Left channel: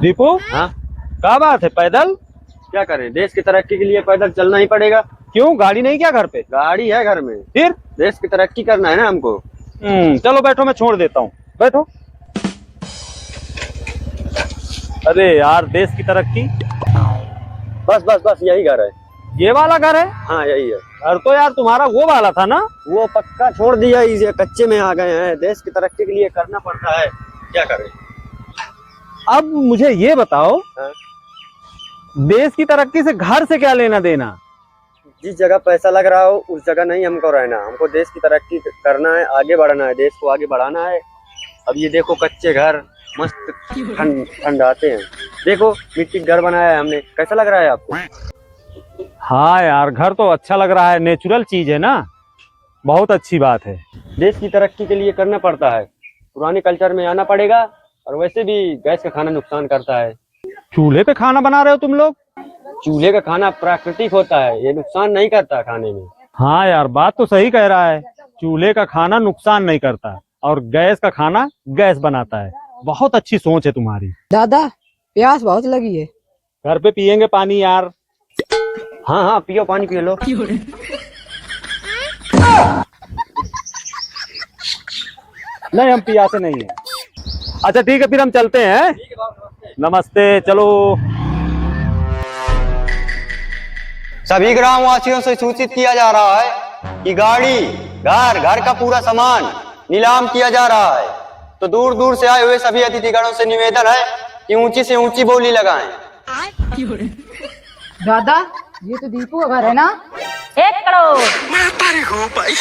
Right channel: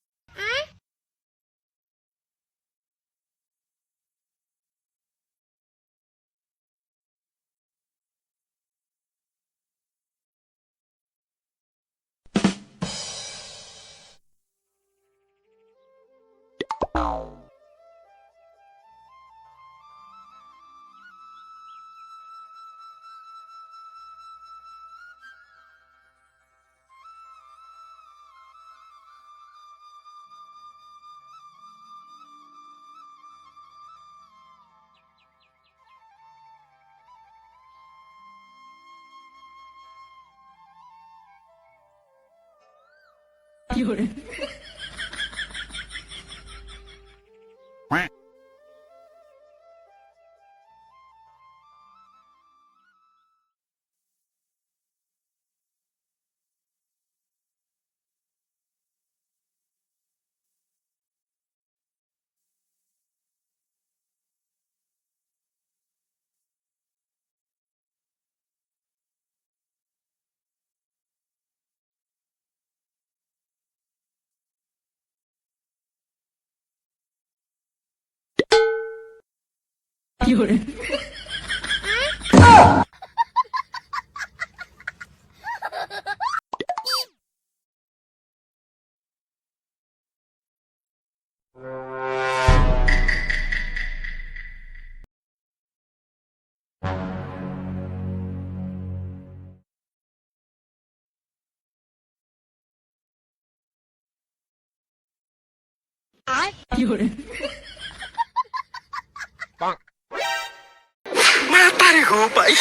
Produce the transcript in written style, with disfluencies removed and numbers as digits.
दीपू, हाँ, क्या बात है? पैदल? क्या करें, देश की तरक्की के लिए पैदल चलना ही पड़ेगा। क्यों, गाड़ी नहीं क्या घर पे? गाड़ी है घर में। फिर? देश की तरक्की करना है ना हमको। चलो बैठो, मैं छोड़ देता हूँ। बैठो। अरे यार, देश की तरक्की। बस बस बस, यही घर है। ये वाला घर है? हाँ, यही है। घर तो यार तुम्हारा वो वाला था ना? वो पक्का छोड़ दिया, इसे कच्चे में आ गए हैं। देश की तरक्की के लिए करना पड़ता है, क्या करें। अब मुझे ये बताओ, हाँ? देश की तरक्की से घर से क्या लेना देना? जिस जगह पैसा लग रहा हो उस जगह नहीं हमको रहना। हमको देश की तरक्की करना है, आगे बढ़ना है, देश को आगे बढ़ाना है। अब ये देखो, कच्चे घर मस्त ठंड आते हैं। देखो, मिट्टी का घर बनाया है हमने, कैसा लग रहा है आपको? हाँ यार, घर तो अच्छा लग रहा है, नेचुरल चीज है ना। बहुत अच्छी बात है। देश की तरक्की के लिए करना पड़ता है, पुराने कल्चर में आना पड़ेगा। और वैसे भी गैस का खाना नुकसान करता है। चूल्हे पे खाना बना रहे हो तुम लोग? चूल्हे का खाना प्राकृतिक होता है, ये नुकसान नहीं करता खाने में। हाँ यार, बात तो सही कह रहा है। चूल्हे का खाना नुकसान नहीं करता और गैस का खाना गैस बनाता है। बहुत अच्छी सोच है तुम्हारी। दादा, प्यास बहुत लगी है। घर पे पियेंगे पानी यार। हाँ हाँ, पियो, पानी पियो लो। नहीं, हम पियासे नहीं है। अच्छा ठीक है, फिर हम चलते हैं। नमस्ते, चलो। सभी ग्रामवासियों से सूचित किया जा रहा है कि गाड़ी, घर, घर का पूरा सामान नीलाम किया जा रहा है। तो दूर दूर से आए हुए सभी अतिथिगणों से निवेदन है कि ऊंची से ऊंची बोली लगाएं। दादा, ये तो दीपू का घर है ना? 1 करोड़। मैं तेरे को भाई